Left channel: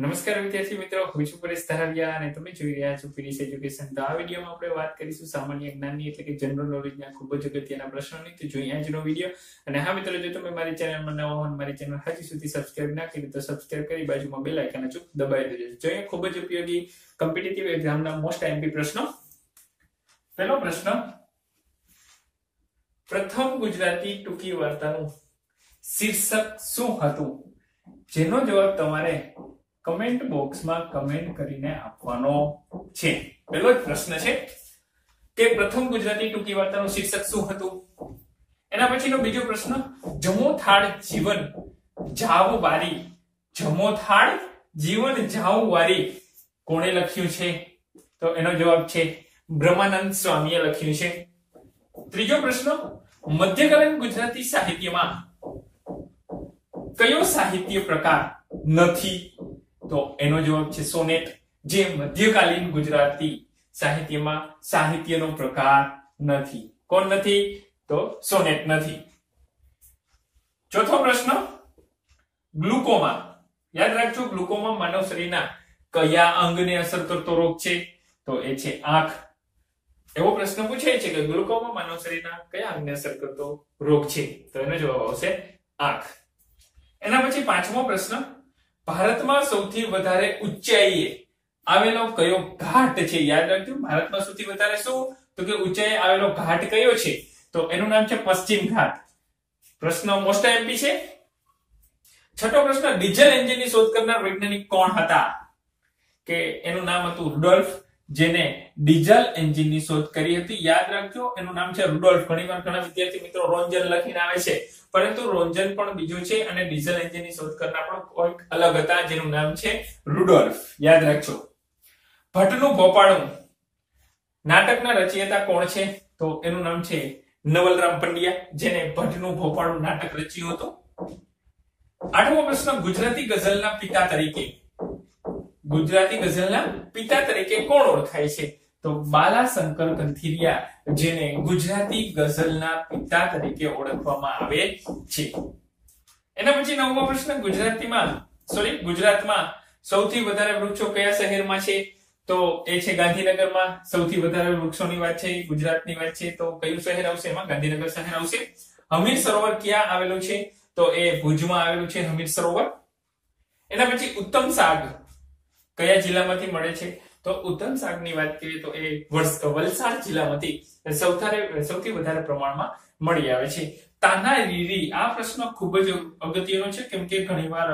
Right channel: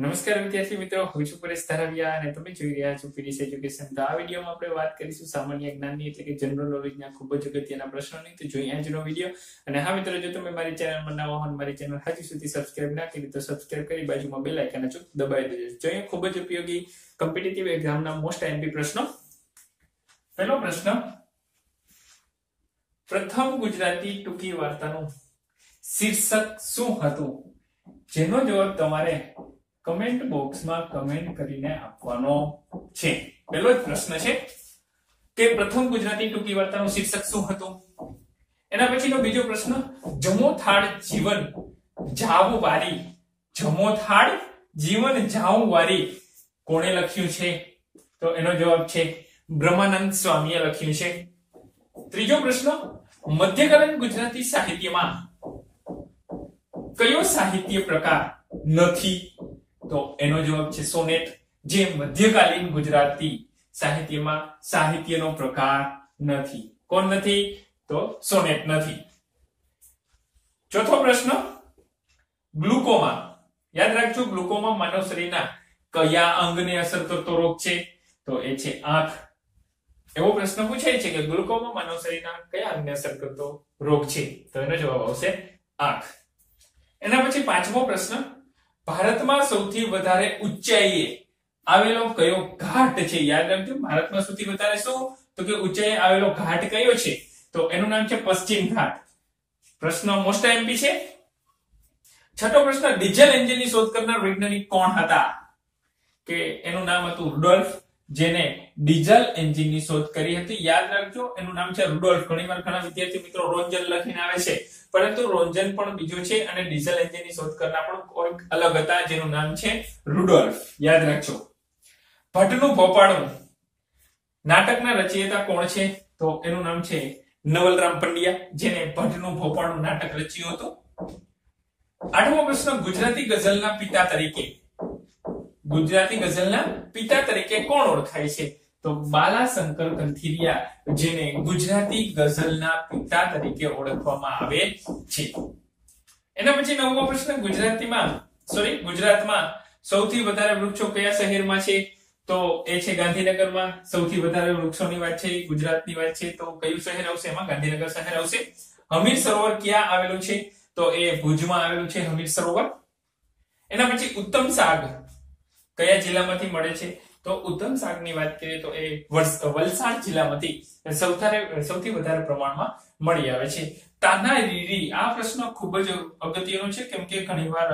નમસ્કાર વિદ્યાર્થી મિત્રો, હું છું પરેશ ધારાવિયા અને તમે જોઈ રહ્યા છો પીરીસ એજ્યુકેશન. તો આ વિડીયોમાં આપણે વાત કરીશું સામાન્ય જ્ઞાનની એટલે કે જનરલ નોલેજના ખૂબ જ અગત્યના પ્રશ્નોની. તો જોઈએ આજનો વિડીયો. અને હા મિત્રો, જો તમે મારી ચેનલમાં નવા હો અને મારી ચેનલ હજી સુધી સબસ્ક્રાઇબ ના કરી તો સબસ્ક્રાઇબ કરી બાજુમાં બેલ આઇકન અચૂક દબાવી દેજો. જોઈએ ખૂબ જ ઉપયોગી કોમ્પિટિટિવ એક્ઝામના મોસ્ટ એમપી પ્રશ્નો. પહેલો પ્રશ્ન, પ્રથમ ગુજરાતી ટૂંકી વાર્તાનું શીર્ષક શું હતું? જેનો જવાબ તમારે કમેન્ટ બોક્સમાં કમેન્ટ કરીને આપવાનો છે. પહેલો જ પ્રશ્ન છે કે પ્રથમ ગુજરાતી ટૂંકી વાર્તાનું શીર્ષક શું હતું. એના પછીનો બીજો પ્રશ્ન, જમો થાળ જીવન જાવ વારી. જમો થાળ જીવન જાવ વારી કોણે લખ્યું છે? તો એનો જવાબ છે બ્રહ્માનંદ સ્વામીએ લખ્યું છે. ત્રીજો પ્રશ્ન, મધ્યકાલીન ગુજરાતી સાહિત્યમાં કયો સાહિત્ય પ્રકાર નથી? તો એનો જવાબ છે સોનેટ, જે મધ્યકાલીન ગુજરાતી સાહિત્યમાં સાહિત્યનો પ્રકાર નથી. કોણ નથી? તો સોનેટ નથી. ચોથો પ્રશ્ન, ગ્લુકોમા. યાદ રાખજો, ગ્લુકોમા માનવ શરીરના કયા અંગને અસર કરતો રોગ છે? તો એ છે આંખ. એવો પ્રશ્ન પૂછાય છે કે ગ્લુકોમા માનવ શરીરના કયા અંગને અસર કરતો રોગ છે? તો એનો જવાબ આવશે આંખ. એના પછી પાંચમો પ્રશ્ન, ભારતમાં સૌથી વધારે ઊંચાઈએ આવેલો કયો ઘાટ છે? યાદ રાખજો, ભારતમાં સૌથી વધારે શું? તો કે ઊંચાઈએ આવેલો ઘાટ કયો છે? તો એનું નામ છે પશ્ચિમ ઘાટ. પ્રશ્ન મોસ્ટ એમપી છે. છઠ્ઠો પ્રશ્ન, ડીઝલ એન્જિનની શોધ કરનાર વૈજ્ઞાનિક કોણ હતા? કે એનું નામ હતું રુડોલ્ફ, જેને ડીઝલ એન્જિનની શોધ કરી હતી. યાદ રાખજો, એનું નામ છે રુડોલ્ફ. ઘણીવાર ઘણા વિદ્યાર્થી મિત્રો રોન્જન લખીને આવે છે, પરંતુ રોન્જન પણ બીજું છે અને ડીઝલ એન્જિનની શોધ કરનાર પણ કોઈક અલગ હતા, જેનું નામ છે રુડોલ્ફ. યાદ રાખજો. ભટ્ટનું ભોપાળું નાટકના રચયિતા કોણ છે? તો એનું નામ છે નવલરામ પંડ્યા, જેને ભટ્ટનું ભોપાળું નાટક રચ્યું હતું. આઠમો પ્રશ્ન, ગુજરાતી ગઝલના પિતા તરીકે કોણ ઓળખાય છે? તો બાલાશંકર કંથીરિયા, જેને ગુજરાતી ગઝલના પિતા તરીકે ઓળખવામાં આવે છે. એના પછી નવમો પ્રશ્ન, ગુજરાતમાં સૌથી વધારે વૃક્ષો કયા શહેરમાં છે? તો એ છે ગાંધીનગરમાં. સૌથી વધારે વૃક્ષોની વાત છે, ગુજરાતની વાત છે, તો કયું શહેર આવશે? એમાં ગાંધીનગર શહેર આવશે. હમીર સરોવર ક્યાં આવેલું છે? તો એ ભુજમાં આવેલું છે હમીર સરોવર. એના પછી ઉત્તમ શાક કયા જિલ્લામાંથી મળે છે? તો ઉત્તમ શાકની વાત કરીએ તો એ વલસાડ જિલ્લામાંથી સૌથી વધારે પ્રમાણમાં મળી આવે છે. તાના રીરી, આ પ્રશ્ન ખૂબ જ અગત્યનો છે, કેમ કે ઘણીવાર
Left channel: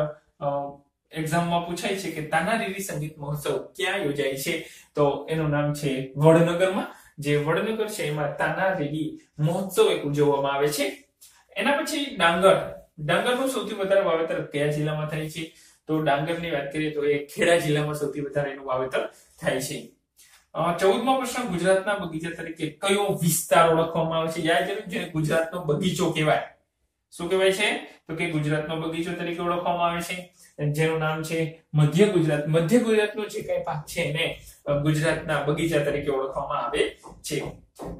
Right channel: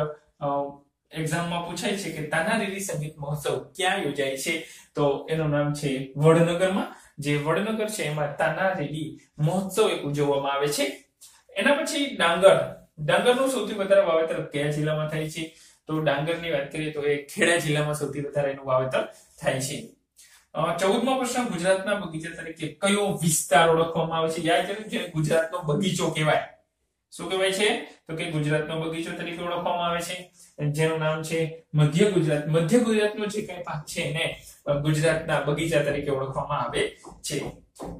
એક્ઝામમાં પૂછાય છે કે તાના રીરી સંગીત મહોત્સવ ક્યાં યોજાય છે? તો એનું નામ છે વડનગરમાં. જે વડનગર છે એમાં તાના રીરી મહોત્સવ ઉજવવામાં આવે છે. એના પછી ડાંગરનું સૌથી વધારે વાવેતર કયા જિલ્લામાં થાય છે? તો ડાંગરની વાત કરીએ તો એ ખેડા જિલ્લામાં સૌથી વધારે એનું વાવેતર થાય છે. 14મો પ્રશ્ન, ગુજરાતના બગીચા તરીકે કયો વિસ્તાર ઓળખવામાં આવે છે? યાદ રાખજો, જેને ગુજરાતનો બગીચો કહેવાય. શું કહેવાય છે? તો કે ગુજરાતનો બગીચો તરીકે ઓળખવામાં આવે છે, જેનું નામ છે મધ્ય ગુજરાત. મધ્ય ગુજરાતનો જે કઈ ભાગ છે એને ગુજરાતના બગીચા તરીકે ઓળખવામાં આવે છે.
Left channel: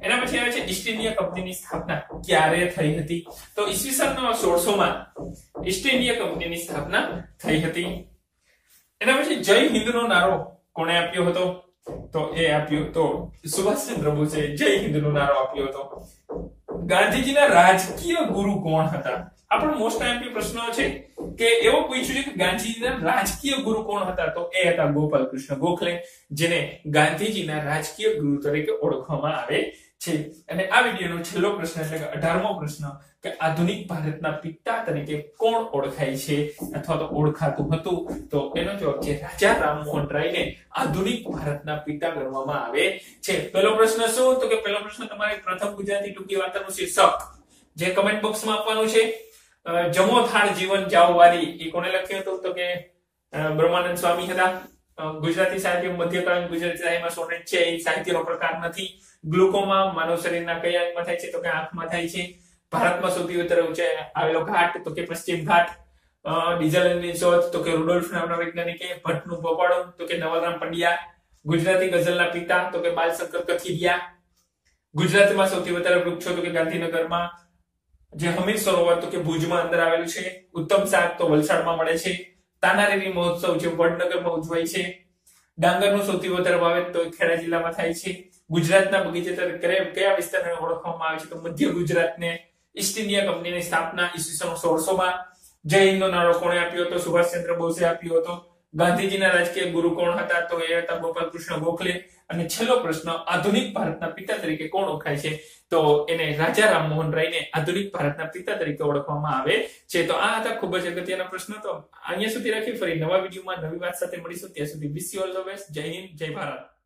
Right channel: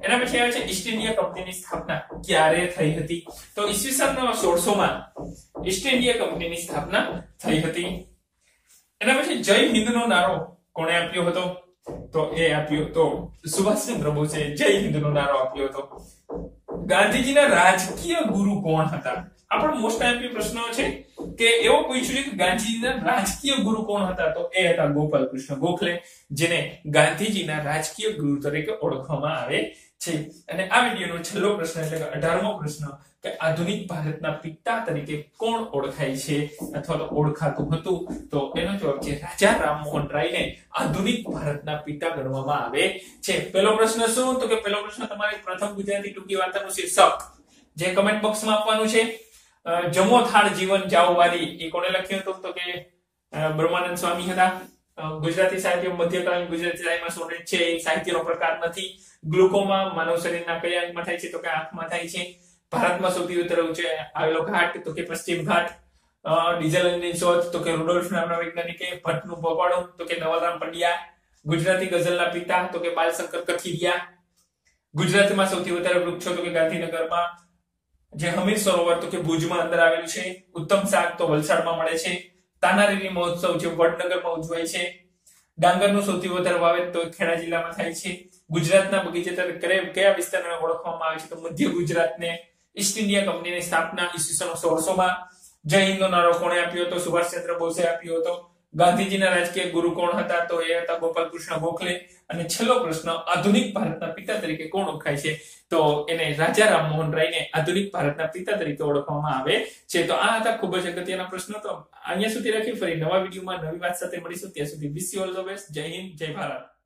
એના પછી આવે છે ઈસ્ટ ઇન્ડિયા કંપનીની સ્થાપના ક્યારે થઈ હતી? તો ઈસવીસન 1600 માં ઈસ્ટ ઇન્ડિયા કંપનીની સ્થાપના થઈ હતી. એના પછી જય હિન્દનો નારો કોણે આપ્યો હતો? તો એ આપ્યો તો સુભાષચંદ્ર બોઝે જય હિન્દનો નારો આપ્યો હતો. ગાંધીજીના રાજકીય ગુરુ કોણ હતા? આ પણ મોસ્ટ એમપી પ્રશ્નો છે કે એવો પૂછ્યું છે કે ગાંધીજીના રાજકીય ગુરુ કોણ હતા? તો એ હતા ગોપાલ કૃષ્ણ ગોખલે, જેને ગાંધીજીના રાજકીય ગુરુ તરીકે ઓળખવામાં આવે છે. અને આ વિડીયોનો છેલ્લો પ્રશ્ન એટલે કે 18મો પ્રશ્ન, કે આધુનિક ભારતના પિતા તરીકે કોણ ઓળખાય છે અથવા તો ઓળખાતું હતું? તો એનો જવાબ છે રાજા રામમોહન રાયને આધુનિક ભારતના પિતા ગણવામાં આવે છે. પહેલો પ્રશ્ન શું? તો કે પહેલો પ્રશ્ન તમારે પ્રથમ ગુજરાતી ટૂંકી વાર્તાનું શીર્ષક જે કમેન્ટ બોક્સમાં આપવાનું છે. જમો થાળ જીવન જાવ વારી એ કોણે લખ્યું હતું? તો કે બ્રહ્માનંદ સ્વામી હતા. ગુજરાતી સાહિત્ય મધ્યકાલીન ગુજરાતી સાહિત્યમાં સોનેટ છે એ સાહિત્યનો પ્રકાર નથી. ગ્લુકોમા માનવ શરીરના કયા અંગમાં થાય છે? તો કે આંખમાં થાય છે. ભારતમાં સૌથી વધારે ઊંચે આવેલો ઘાટ તો કે પશ્ચિમ ઘાટ. ડીઝલ એન્જિનની શોધ તો કે રુડોલ્ફ નામના વૈજ્ઞાનિકે. ભટ્ટનું ભોપાળું તો કે નવલરામ પંડ્યા. ગુજરાતી ગઝલના પિતા તો કે બાલશંકર કથિરિયા. ગુજરાતમાં સૌથી વધારે વૃક્ષો તો કે ગાંધીનગરમાં. જે હમીર સરોવર તો કે ભુજમાં અંદર આવેલું છે. ઉત્તમ શાક તો વલસાડમાં મળે છે. તાનારીરી મહોત્સવ જે વડનગરમાં ઉજવાય છે. ડાંગરનું સૌથી વધારે વાવેતર તો ખેડા જિલ્લામાં થાય છે. ગુજરાતના બગીચા કયા વિસ્તારને ઓળખવામાં આવે છે? તો મધ્ય ગુજરાતને. ઈસ્ટ ઇન્ડિયા કંપનીની સ્થાપના ઈસવીસન 1600માં. જય હિન્દનો નારો કોણે આપ્યો હતો? સુભાષચંદ્ર બોઝે આપ્યો હતો. ગાંધીજીના રાજકીય ગુરુ કોણ હતા? તો એ હતા ગોપાલ કૃષ્ણ ગોખલે. અને છેલ્લો પ્રશ્ન, આધુનિક ભારતના પિતા તરીકે કોણ ઓળખાય છે? તો એને રાજા રામમોહન રાયને આધુનિક ભારતના પિતા તરીકે ઓળખવામાં આવે છે. તો આ હતા ખૂબ જ અગત્યના પ્રશ્નો. તો અહીંયા સુધી રાખી, ફરી નવા વિડીયોમાં નવી વાત સાથે મળીશું. ત્યાં સુધી wish you all the best. જય હિન્દ, જય ભારત.